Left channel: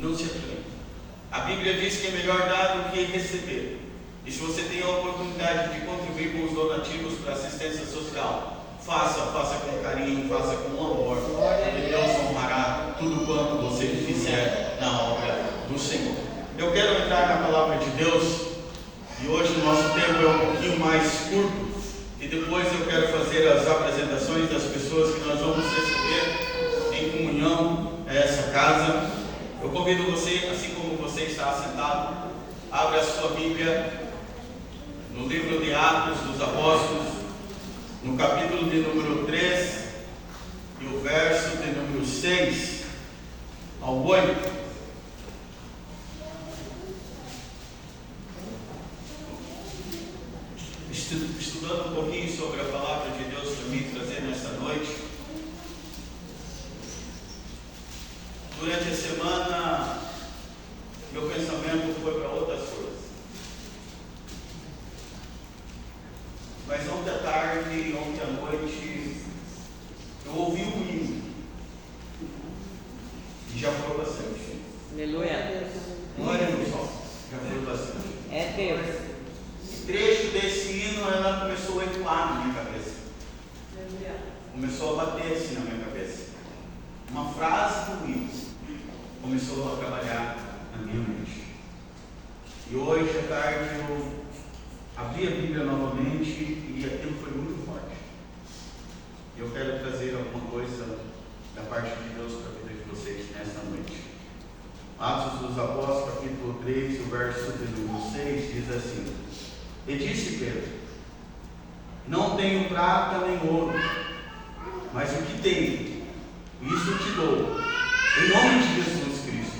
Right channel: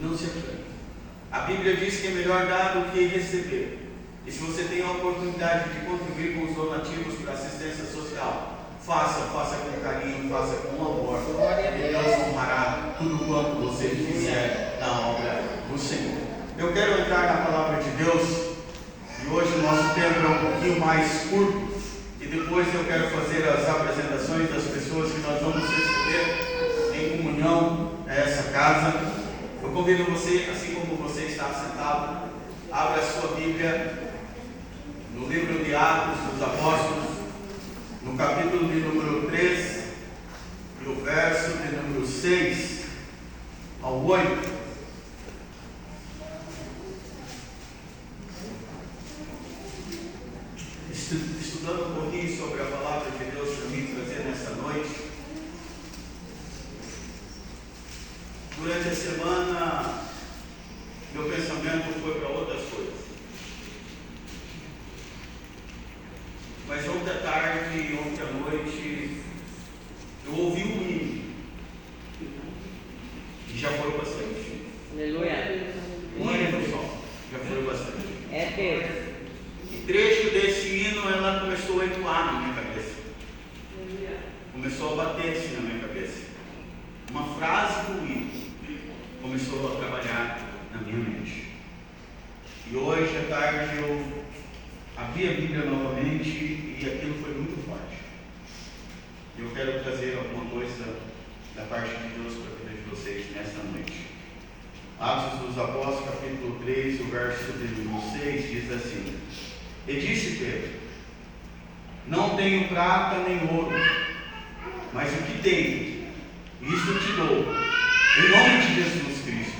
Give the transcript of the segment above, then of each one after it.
não se aflija. A Bíblia diz que é melhor dar do que receber. E se você tem a oportunidade de contribuir com os donativos para assistência social, faça com carinho, faça com amor, e Deus honrará tudo quanto você fizer na obra do Senhor. Eu quero entrar na palavra de Deus, e hoje o nosso tempo é um pouquinho mais curto, e depois eu quero fazer as apresentações das pessoas que nós vamos receber em comunhão a essa casa. Eu convido você, assim como você está sentado, abra a sua Bíblia no livro de Atos dos Apóstolos, no capítulo de número 3 e o verso de número 6 ao 8. Estudando um pouquinho sobre a palavra de Deus para mim trazer nesta noite. Durante a semana, meu pensamento foi para outras coisas. Mas ontem à tarde e ontem à noite, eu ouvi um hino. E já foi bastante. Aleluia. Um hino só. Já foi bastante. É Deus. E trecho desse hino, ela começou a ecoar na minha cabeça. Começou a bater assim na minha cabeça. Uma frase do hino começou a trabalhar na minha mente. E hoje à tarde eu abri a Bíblia novamente e aquilo foi muito forte. Eu quero trazer alguma coisa da parte de Deus para a vida de vocês nesta noite. Atos dos Apóstolos, capítulo 3, o verso de número 6, diz assim: E disse Pedro: Não tenho prata nem ouro, mas o que tenho, isso te dou. Em nome de Jesus Cristo,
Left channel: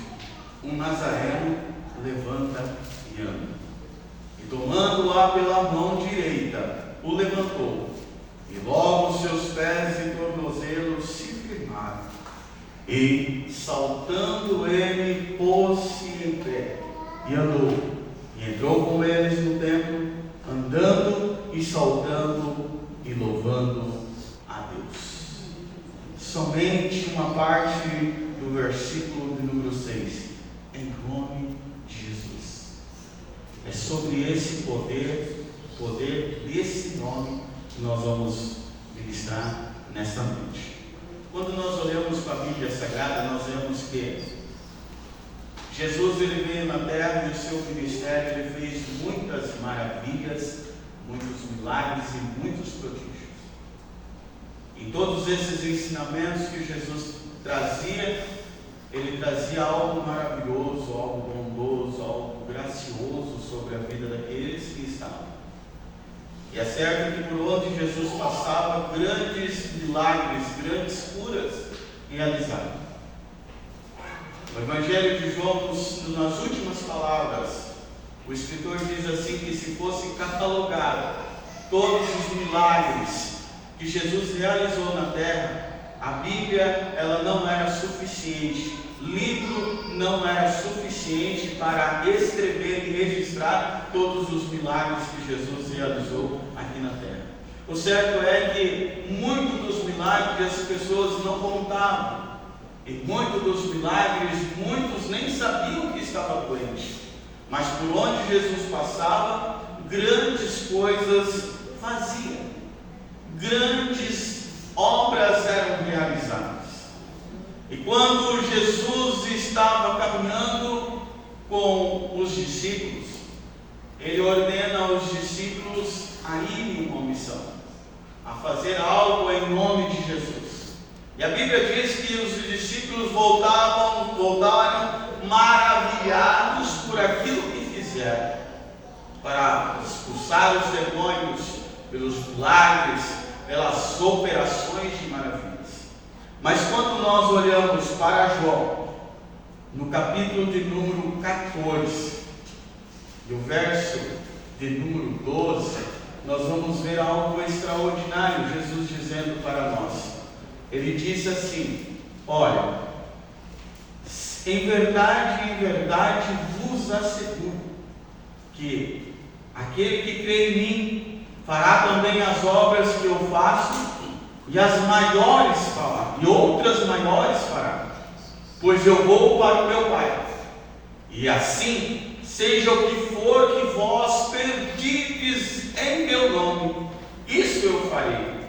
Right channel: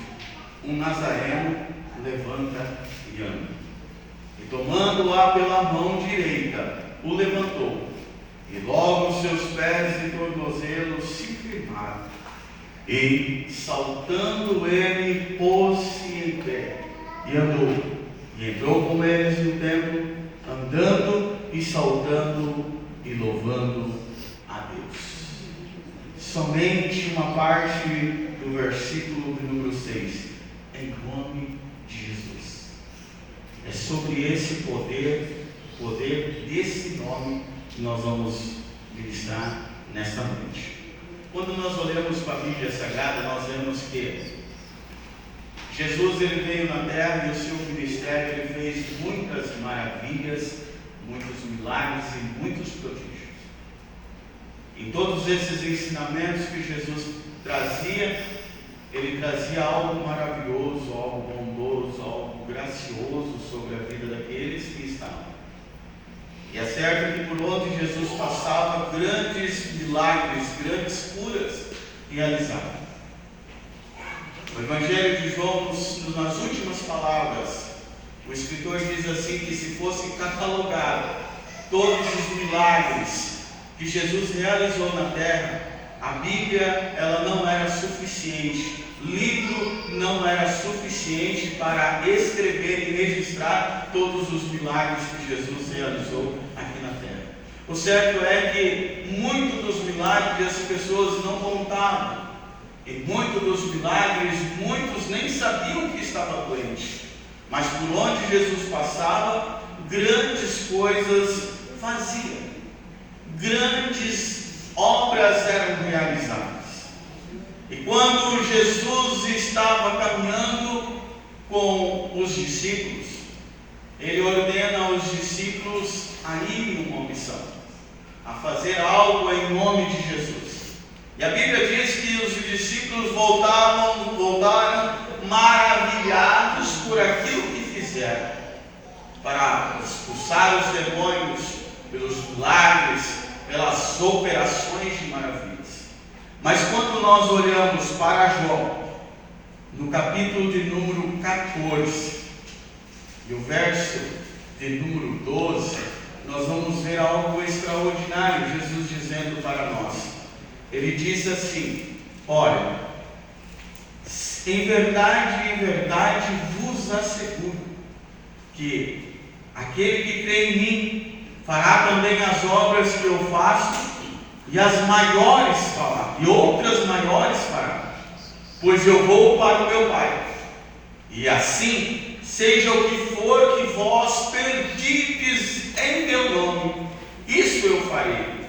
um nazareno, levanta e anda. E tomando-a pela mão direita, o levantou. E logo os seus pés e tornozelos se firmaram. E, saltando ele, pôs-se em pé e andou. E entrou com eles no templo, andando e saltando e louvando a Deus. Somente uma parte do versículo de número 6. Em nome de Jesus. É sobre esse poder desse nome que nós vamos ministrar nesta noite. Quando nós olhamos para a Bíblia Sagrada, nós vemos que Jesus ele veio na terra e o seu ministério ele fez muitas maravilhas, muitos milagres e muitos prodígios. Em todos esses ensinamentos que Jesus trazia, ele trazia algo maravilhoso, algo bondoso, algo gracioso sobre a vida daqueles que estavam. E é certo que por onde Jesus passava, grandes milagres, grandes curas realizavam. O Evangelho de João, nas últimas palavras, o escritor diz assim que se fosse catalogado todos os milagres que Jesus realizou na terra, a Bíblia ela não era suficiente, livro não era suficiente para escrever e registrar todos os milagres que Jesus realizou aqui na terra. O certo é que muitos dos milagres as pessoas não contavam. E muitos dos milagres, muitos nem sabiam que estava doente. Mas por onde Jesus passava, grandes coisas fazia. Grandes obras eram realizadas. E quando Jesus estava caminhando com os discípulos, ele ordena aos discípulos a irem uma missão, a fazer algo em nome de Jesus. E a Bíblia diz que os discípulos voltaram maravilhados por aquilo que fizeram, para expulsar os demônios pelos milagres, pelas operações de maravilhas. Mas quando nós olhamos para João, no capítulo de número 14, e o verso de número 12, nós vamos ver algo extraordinário, Jesus dizendo para nós. Ele diz assim: olha, em verdade vos asseguro que aquele que crê em mim fará também as obras que eu faço, e as maiores fará, e outras maiores fará, pois eu vou para o meu Pai. E assim, seja o que for que vós pedirdes em meu nome, isso eu farei,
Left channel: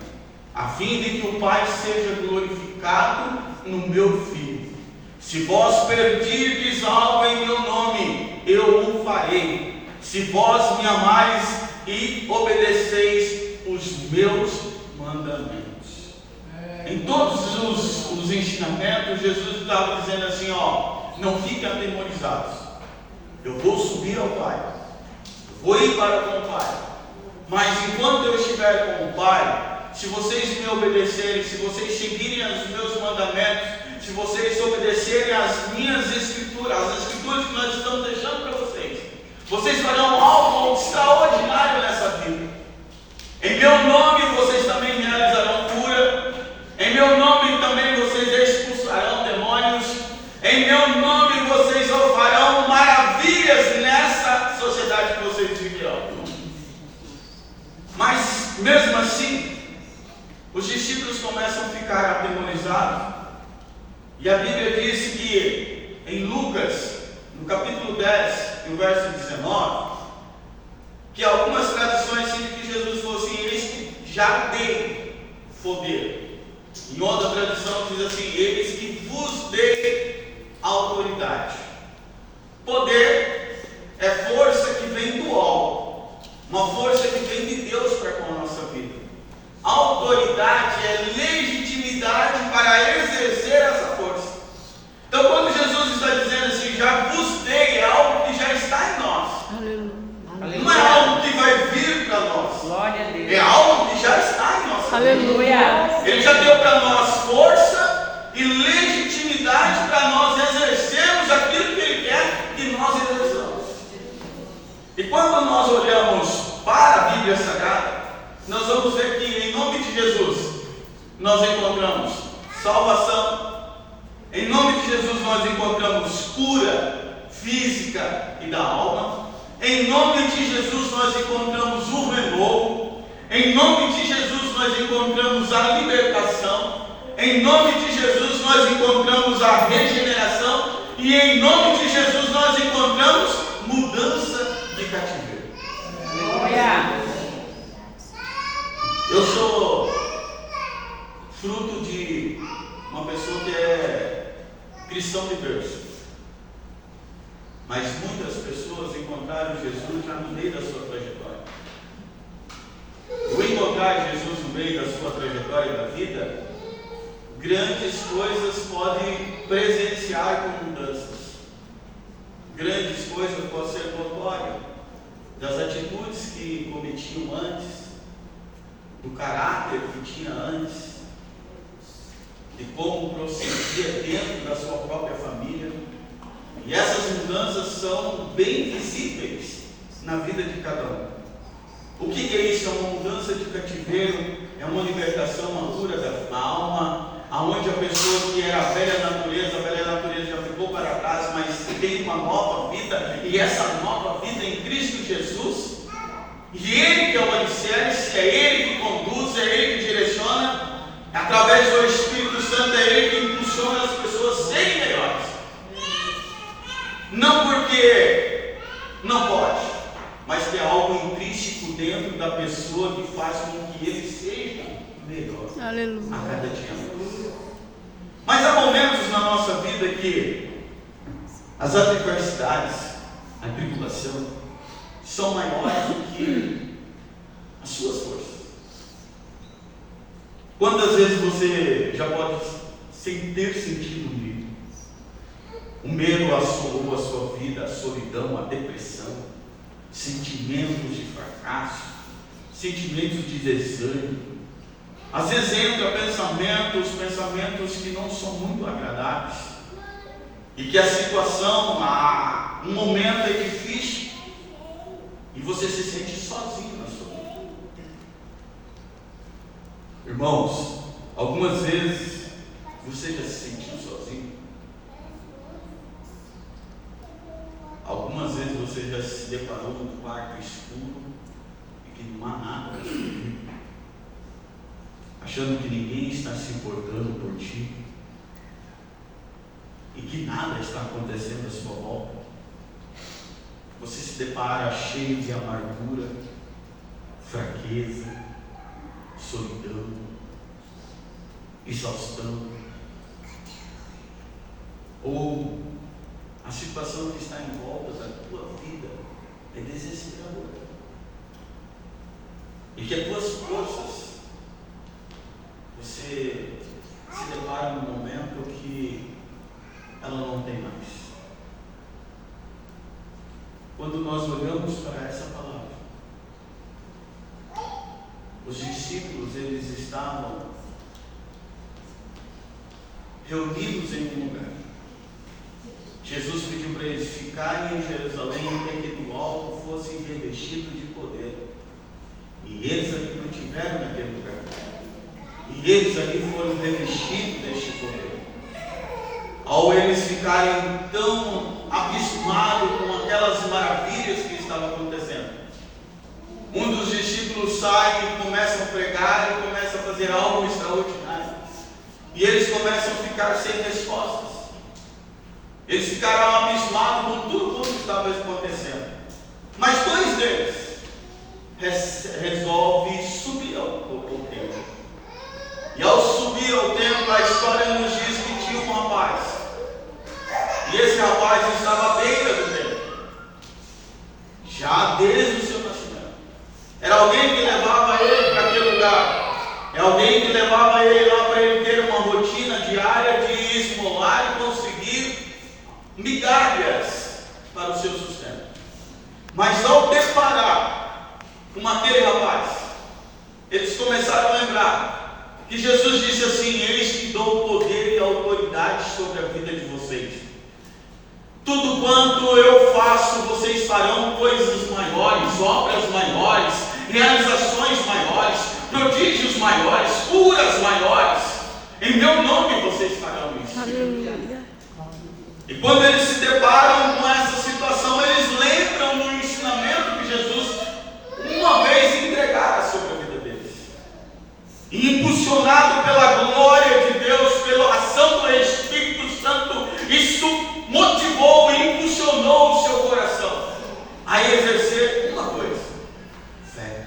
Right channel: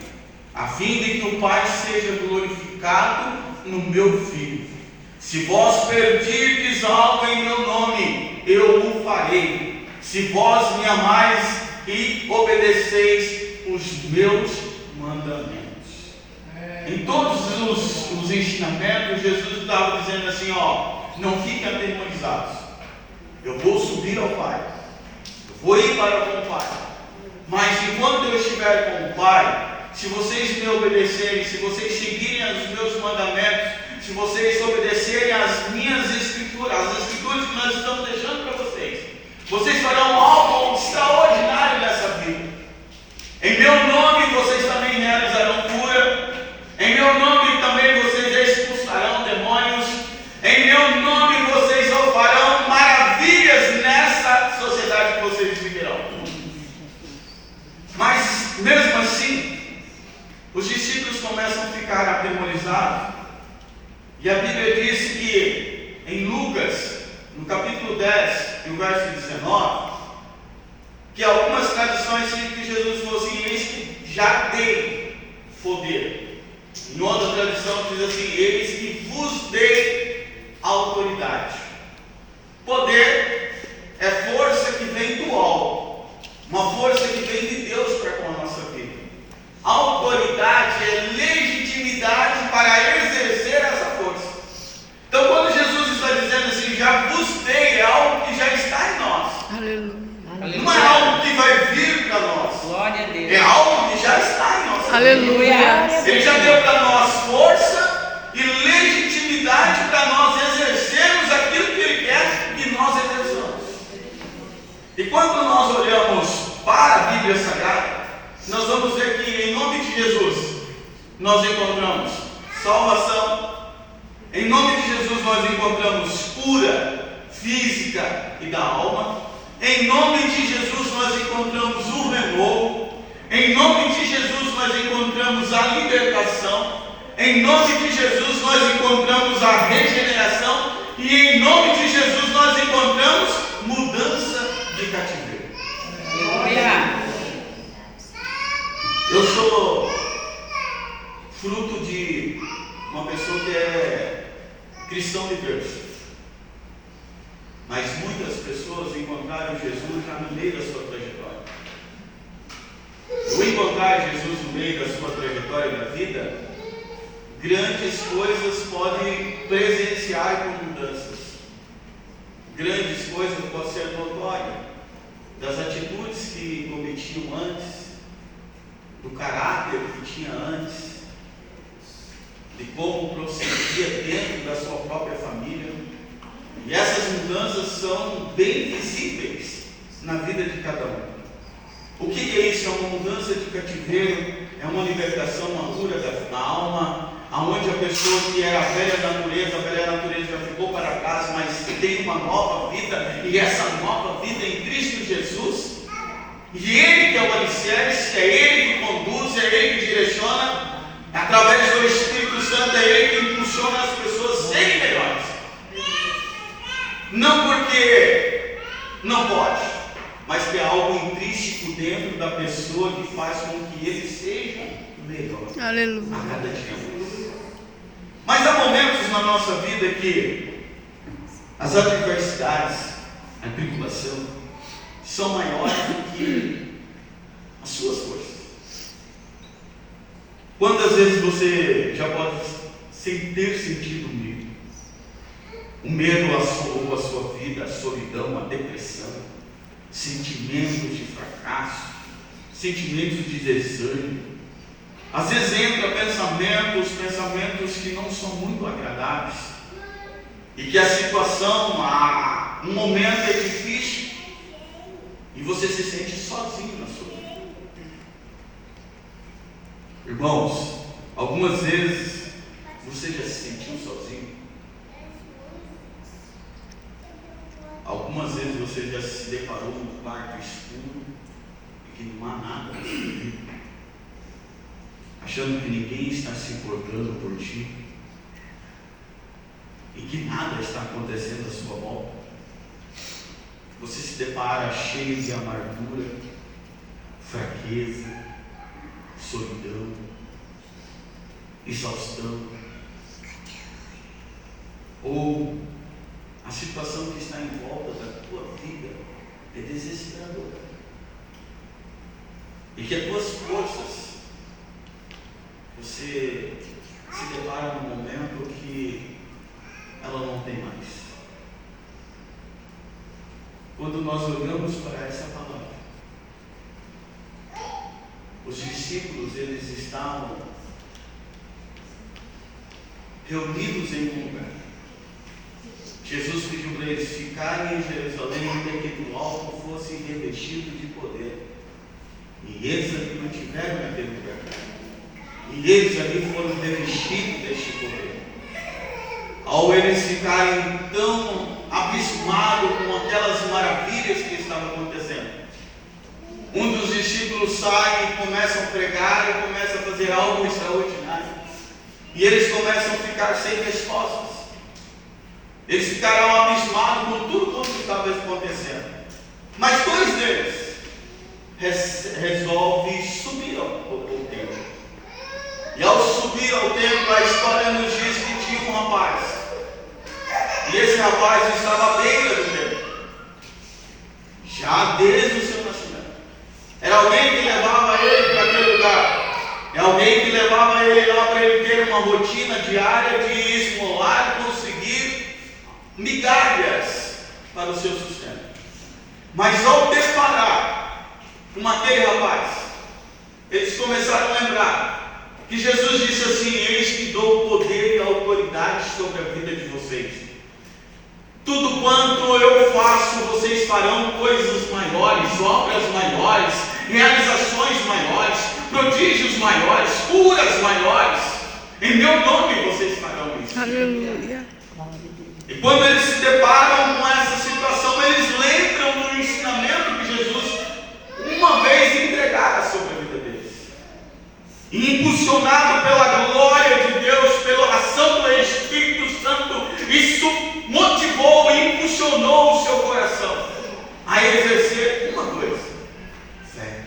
a fim de que o Pai seja glorificado no meu Filho. Se vós pedirdes algo em meu nome, eu o farei, se vós me amais e obedeceis os meus mandamentos. Em todos os ensinamentos, Jesus estava dizendo assim, não fiquem atemorizados, eu vou subir ao Pai, eu vou ir para com o Pai, mas enquanto eu estiver com o Pai, se vocês me obedecerem, se vocês seguirem os meus mandamentos, se vocês obedecerem às minhas escrituras, as escrituras que nós estamos deixando para vocês farão algo extraordinário nessa vida. Em meu nome vocês também realizarão cura, em meu nome também vocês expulsarão demônios, em meu nome vocês farão maravilhas nessa sociedade que vocês viverão. Mas mesmo assim, os discípulos começam a ficar atemorizados, e a Bíblia diz que em Lucas, no capítulo 10, no verso 19, que algumas tradições dizem que Jesus falou assim: eis que já dei poder. Em outra tradição diz assim: eis que vos dei autoridade. Poder é força que vem do alto, uma força que vem de Deus para com a nossa vida. Autoridade é legitimidade para exercer essa força. Então, quando Jesus está dizendo assim, já vos dei, é algo que já está em nós. Aleluia. Não é algo que vai vir para nós. Glória a Deus. É algo que já está em nós. Aleluia. Ele já deu para nós força e legitimidade para nós exercermos aquilo que Ele quer que nós exerçamos. E quando nós olhamos para a Bíblia Sagrada, nós vamos ver que em nome de Jesus nós encontramos salvação. Em nome de Jesus nós encontramos cura física e da alma. Em nome de Jesus nós encontramos o renovo. Em nome de Jesus nós encontramos a libertação. Em nome de Jesus nós encontramos a regeneração. E em nome de Jesus nós encontramos mudança de cativeiro. Aleluia. Eu sou fruto de uma pessoa que é cristão de berço, mas muitas pessoas encontraram Jesus já no meio da sua trajetória. Ao encontrar Jesus no meio da sua trajetória da vida, grandes coisas podem presenciar com mudanças. Grandes coisas podem ser notórias das atitudes que cometiam antes, do caráter que tinha antes, de como procedia dentro da sua própria família. E essas mudanças são bem visíveis na vida de cada um. O que é isso? É uma mudança de cativeiro, é uma libertação, uma cura da alma, aonde a pessoa que era a velha natureza já ficou para trás, mas tem uma nova vida, e essa nova vida em Cristo Jesus. E Ele que é o alicerce, é Ele que conduz, é Ele que direciona, através do Espírito Santo, é Ele que impulsiona as pessoas a serem melhores. Não porque não pode, mas que é algo intrínseco dentro da pessoa que faz com que ele seja melhor. Aleluia. A cada dia. Mas há momentos na nossa vida que as adversidades, a tribulação, são maiores do que as suas forças. Quantas vezes você já pode, sem ter sentido medo? O medo assolou a sua vida, a solidão, a depressão, sentimentos de fracasso, sentimentos de desânimo. Às vezes entra pensamentos que não são muito agradáveis, e que a situação, um momento é difícil, e você se sente sozinho na sua vida. Irmãos, algumas vezes você já se sentiu sozinho? Algumas vezes você já se deparou num quarto escuro e que não há nada na sua vida, achando que ninguém está se importando por ti, e que nada está acontecendo à sua volta. Você se depara cheio de amargura, fraqueza, solidão, exaustão, ou a situação que está em volta da tua vida é desesperadora, e que as tuas forças, você se depara num momento que ela não tem mais. Quando nós olhamos para essa palavra, os discípulos, eles estavam reunidos em um lugar. Jesus pediu para eles ficarem em Jerusalém até que do alto fossem revestidos de poder. E eles ali não tiveram naquele lugar. E eles ali foram revestidos deste poder. Ao eles ficarem tão abismados com aquelas maravilhas que estavam acontecendo, um dos discípulos sai e começa a pregar e começa a fazer algo extraordinário. E eles começam a ficar sem respostas. Eles ficaram abismados com tudo o que estava acontecendo. Mas dois deles resolvem subir ao templo. E ao subir ao templo, a história nos diz que tinha um rapaz. E esse rapaz estava à beira do templo, já desde o seu nascimento. Era alguém que levava ele para aquele lugar. É alguém que levava ele lá para ele ter uma rotina diária de esmolar e conseguir migalhas para o seu sustento. Mas ao deparar com aquele rapaz, eles começaram a lembrar que Jesus disse assim: eis que dou poder e autoridade sobre a vida de vocês. Tudo quanto eu faço, vocês farão coisas maiores, obras maiores, realizações maiores, prodígios maiores, curas maiores. Em meu nome vocês farão isso. Aleluia. E quando eles se deparam com essa situação, eles lembram do ensinamento que Jesus uma vez entregara sobre a vida deles. E impulsionado pela glória de Deus, pela ação do Espírito Santo, isso motivou e impulsionou o seu coração a exercer uma coisa: fé.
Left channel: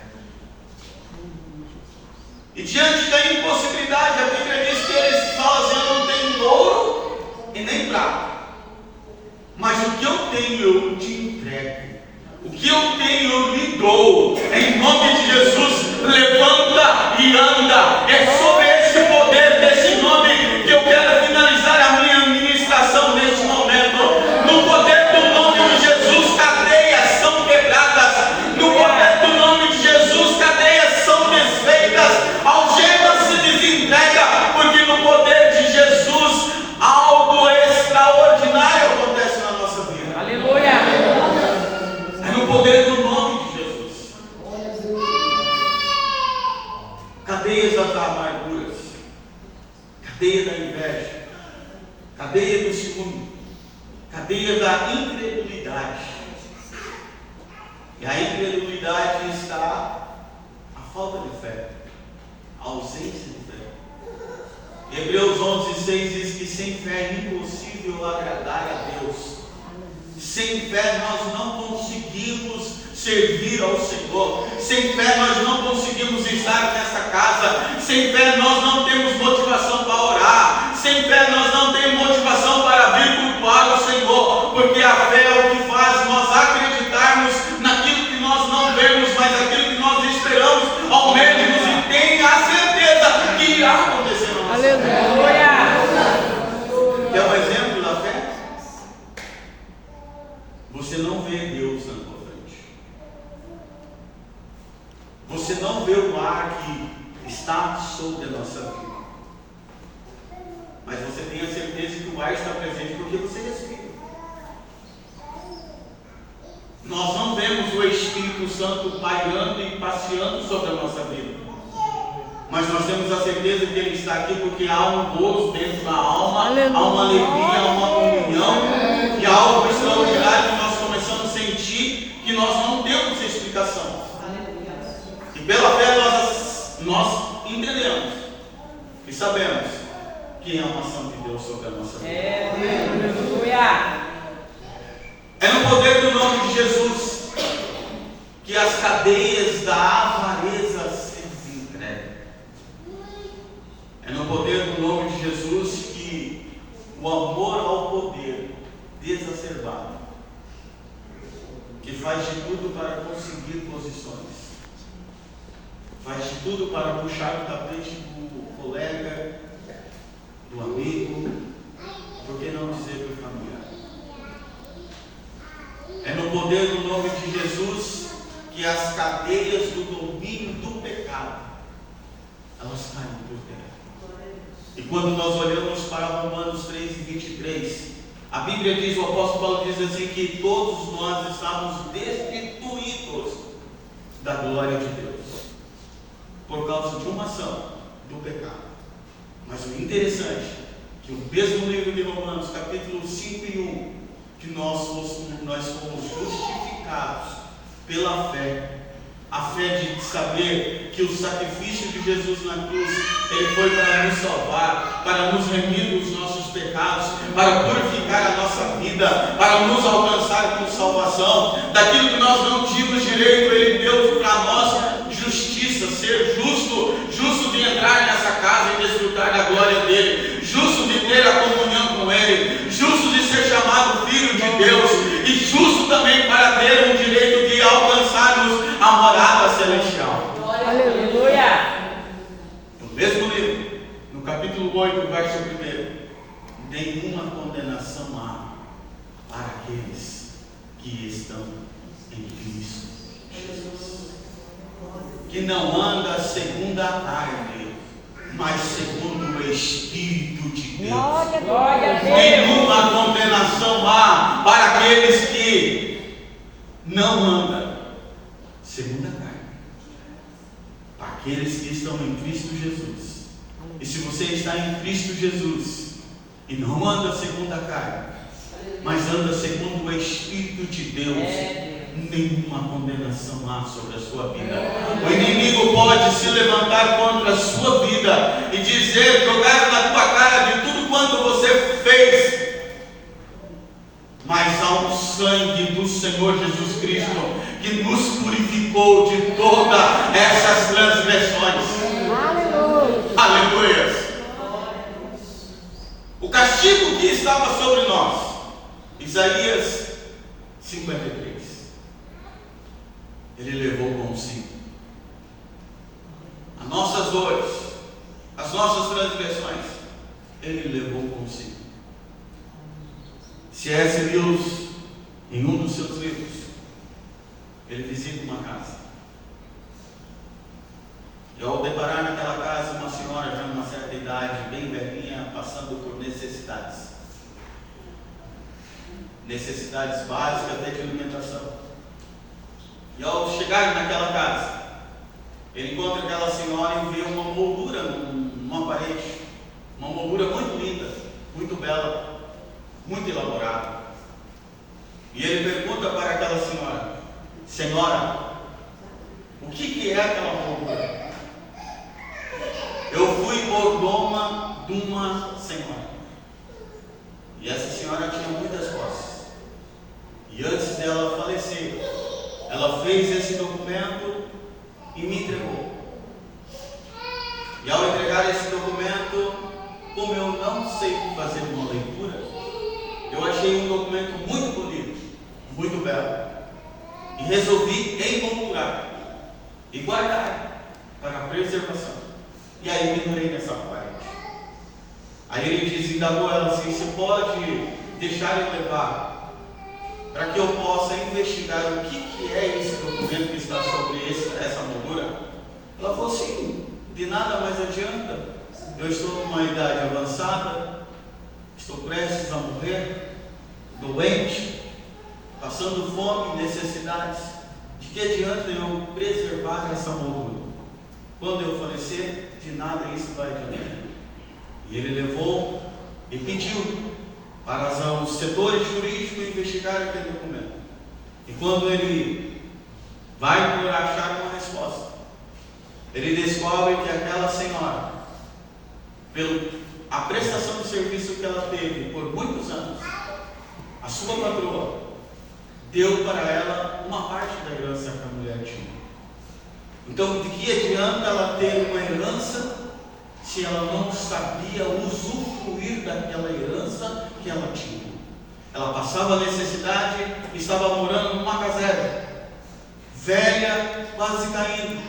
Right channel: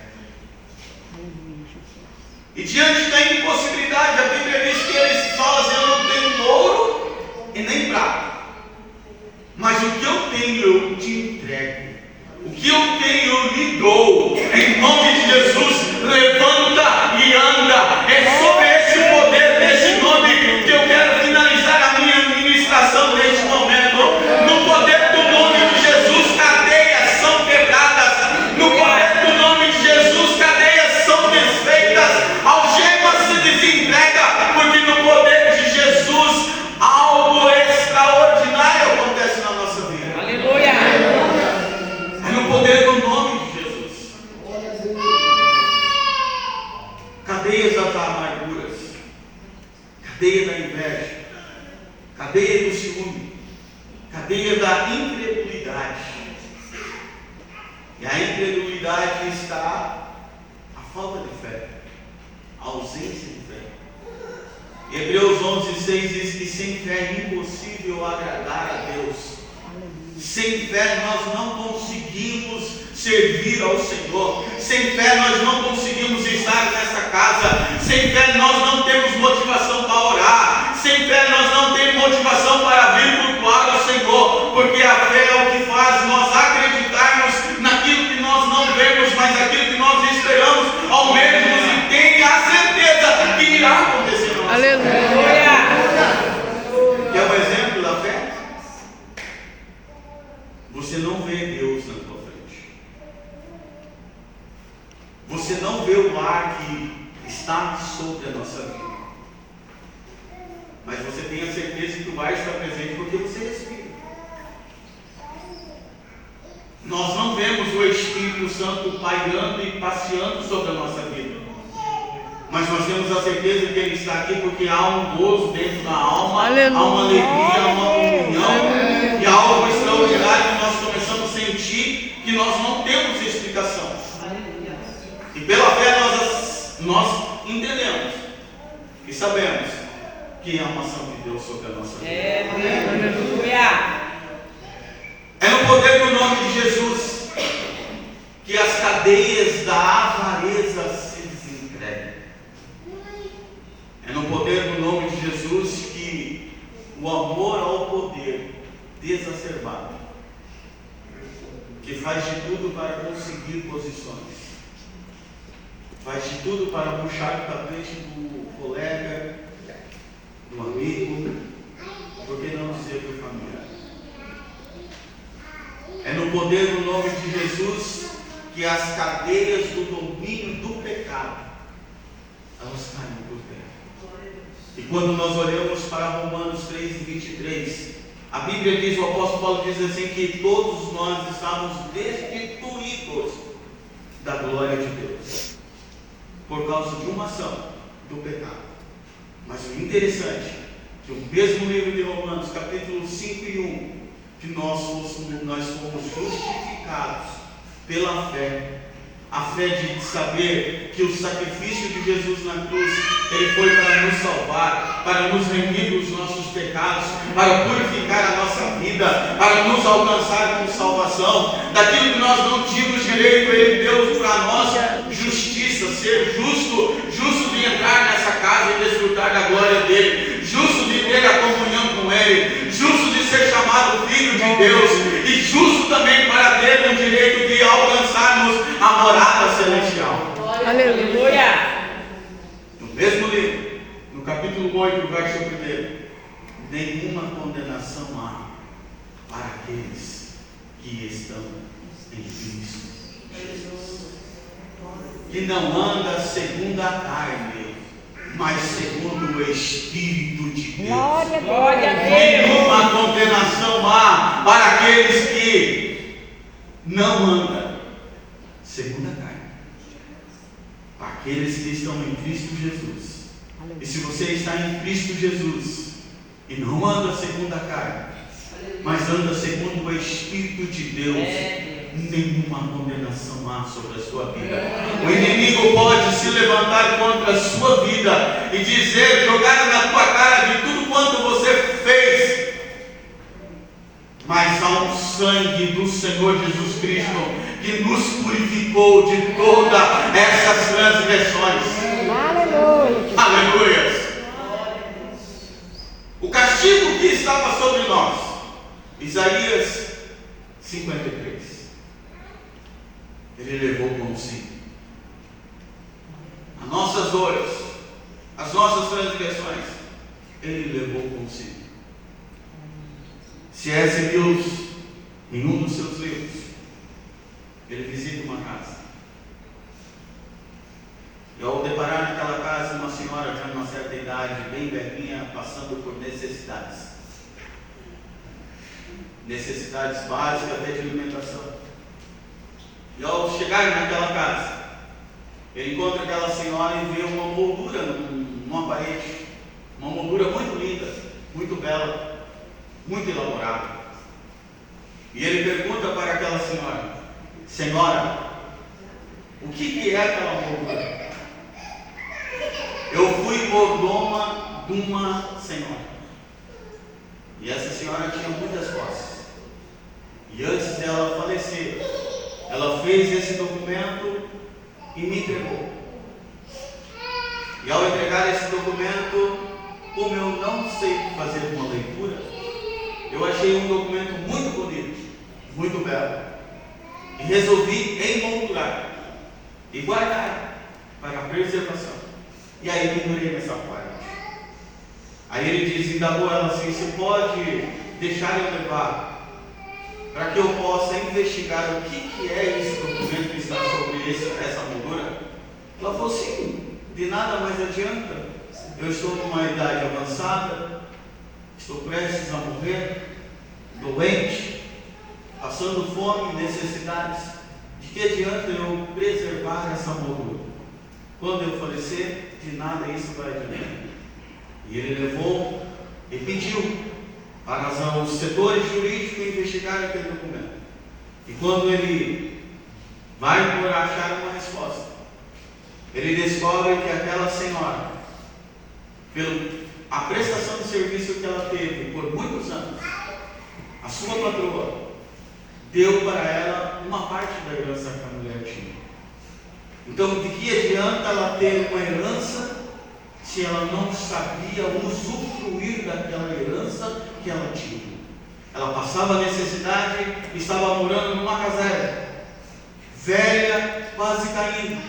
E diante da impossibilidade, a Bíblia diz que eles falam assim: eu não tenho ouro e nem prata, mas o que eu tenho eu te entrego, o que eu tenho eu lhe dou. Em nome de Jesus, levanta e anda. É sobre esse poder desse nome que eu quero finalizar a minha ministração neste momento. No poder do nome de Jesus, cadeias são quebradas. No poder do nome de Jesus, cadeias são desfeitas, algemas se desentrega, porque no poder de Jesus algo extraordinário acontece na nossa vida. Aleluia. É no poder do nome de Jesus. Cadeias das amarguras, cadeia da inveja, cadeia do ciúme, cadeia da incredulidade. E a incredulidade está a falta de fé, a ausência de fé. Hebreus 11:6 diz que sem fé é impossível agradar a Deus. Sem fé nós não conseguimos servir ao Senhor. Sem fé nós não conseguimos estar nesta casa. Sem fé nós não temos motivação para orar. Sem fé nós não temos motivação para vir cultuar ao Senhor. Porque a fé é o que faz nós acreditarmos naquilo que nós não vemos, mas aquilo que nós esperamos, almejamos e tenha a certeza que irá acontecer na nossa vida. Aleluia. Quer um exemplo da fé? Você não vê Deus na tua frente. Você não vê o ar que está sobre a nossa vida. Mas você tem a certeza que o ar está presente porque você respira. Nós não vemos o Espírito Santo pairando e passeando sobre a nossa vida. Mas nós temos a certeza que Ele está aqui porque há um gozo dentro da alma, Aleluia. há uma alegria, há uma comunhão, e há algo extraordinário que nós começamos a sentir que nós não temos explicação. E pela fé nós entendemos e sabemos que é uma ação de Deus sobre a nossa vida. Aleluia. É no poder do nome de Jesus que as cadeias da avareza se desentregam. É no poder do nome de Jesus que o amor ao poder desacerbado, que faz de tudo para conseguir posições, faz de tudo para puxar o tapete do colega, do amigo, por que não dizer do familiar. É no poder do nome de Jesus que as cadeias do domínio do pecado, elas caem por terra. E quando nós olhamos para Romanos 3:23, a Bíblia diz, o apóstolo Paulo diz assim, que todos nós estamos destituídos da glória de Deus, por causa de uma ação do pecado. Mas o interessante, que o mesmo livro de Romanos, capítulo 5 e 1, que nós fomos justificados pela fé, a fé de saber que o sacrifício de Jesus na cruz, ele foi para nos salvar, para nos remir dos nossos pecados, para purificar a nossa vida, para nos alcançar com salvação, daquilo que nós não tínhamos direito, ele deu para nós justiça, ser justo de entrar nessa casa e desfrutar da glória dele, justo de ter a comunhão com ele, justo de ser chamado filho de Deus, e justo também para ter o direito de alcançarmos a morada celestial. Aleluia. No mesmo livro, no capítulo 8, verso 1, nenhuma condenação há para aqueles que estão em Cristo Jesus, que não anda segundo a carne, mas segundo o Espírito de Deus. Glória a Deus. Nenhuma condenação há para aqueles que não andam segundo a carne, para aqueles que estão em Cristo Jesus. E se você está em Cristo Jesus e não anda segundo a carne, mas anda segundo o Espírito de Deus, nenhuma condenação há sobre a sua vida. O inimigo pode se levantar contra a sua vida e dizer, jogar na tua cara de tudo quanto você fez, mas há um sangue do Senhor Jesus Cristo que nos purificou de todas essas transgressões. Aleluia. O castigo que estava sobre nós, Isaías 53, ele levou consigo as nossas dores, as nossas transgressões, ele levou consigo. C.S. Lewis, em um dos seus livros, ele visita uma casa, e ao deparar naquela casa uma senhora já numa certa idade, bem velhinha, passando por necessidades básicas até de alimentação. E ao chegar naquela casa, ele encontra aquela senhora e vê uma moldura numa parede, uma moldura muito linda, muito bela, muito elaborada. E ele pergunta para aquela senhora: senhora, o que é aquela moldura? Eu fui mordoma de uma senhora, e essa senhora tinha muitas posses, e antes dela falecer, ela fez esse documento e me entregou. E ao entregar esse documento, como eu não sei fazer uma leitura, eu achei um documento muito bonito, muito belo, e resolvi emoldurar e guardar para preservação. E aí pendurei nessa parte. Aí ele indagou ela assim: se pode deixar eu levar, para que eu possa investigar o que é esse documento que está sobre essa moldura? Ela falou: sim, de nada mais adianta. Eu estou numa idade avançada, estou prestes a morrer, doente, passando fome e necessidades. De que adianta eu preservar essa moldura? Quando eu falecer, de nada isso vai adiantar. E ele levou e pediu para os setores jurídicos investigarem aquele documento. E quando ele vai por achar uma resposta, ele descobre que aquela senhora, pelo a prestação de serviço que ela teve por muitos anos, a sua patroa deu para ela uma parte da herança que a mulher tinha. Então, de que adianta ela ter uma herança se ela não sabia usufruir daquela herança que ela tinha? Ela passava necessidade, estava morando numa caserna, velha, quase caindo,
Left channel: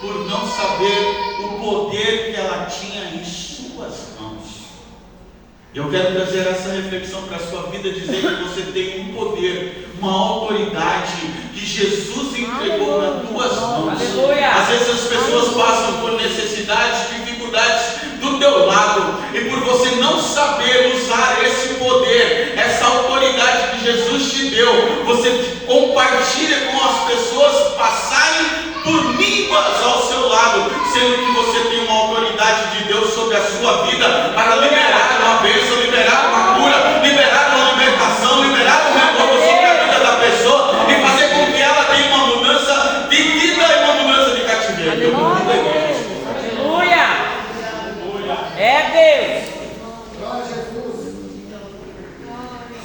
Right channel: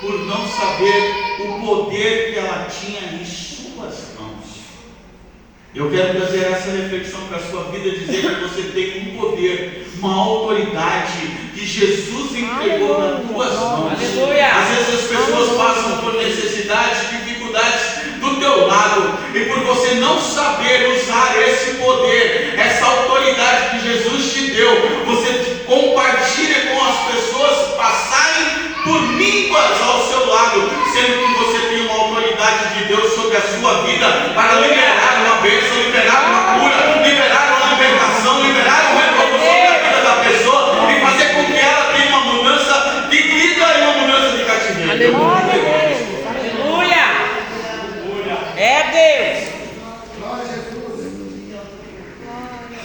por não saber o poder que ela tinha em suas mãos. Eu quero trazer essa reflexão para a sua vida, dizer que você tem um poder, uma autoridade que Jesus entregou nas tuas mãos. Aleluia. Às vezes as pessoas passam por necessidades, dificuldades do teu lado, e por você não saber usar esse poder, essa autoridade que Jesus te deu, você compartilha com as pessoas passarem por míngua ao seu lado, sendo que você tem uma autoridade de Deus sobre a sua vida para liberar uma bênção, liberar uma cura, liberar uma libertação, liberar um renovo sobre a vida da pessoa e fazer com que ela tenha uma mudança de vida e uma mudança de cativeiro. Aleluia. É Deus.